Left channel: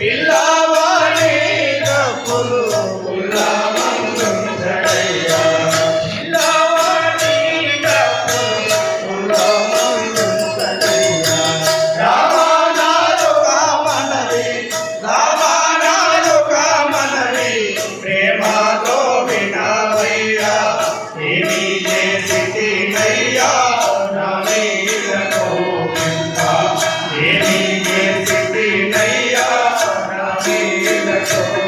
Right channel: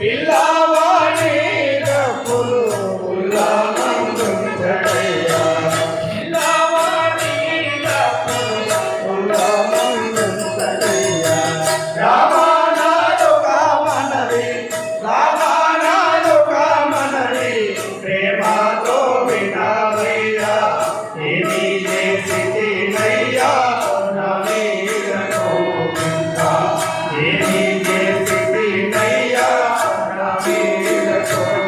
Él Thank.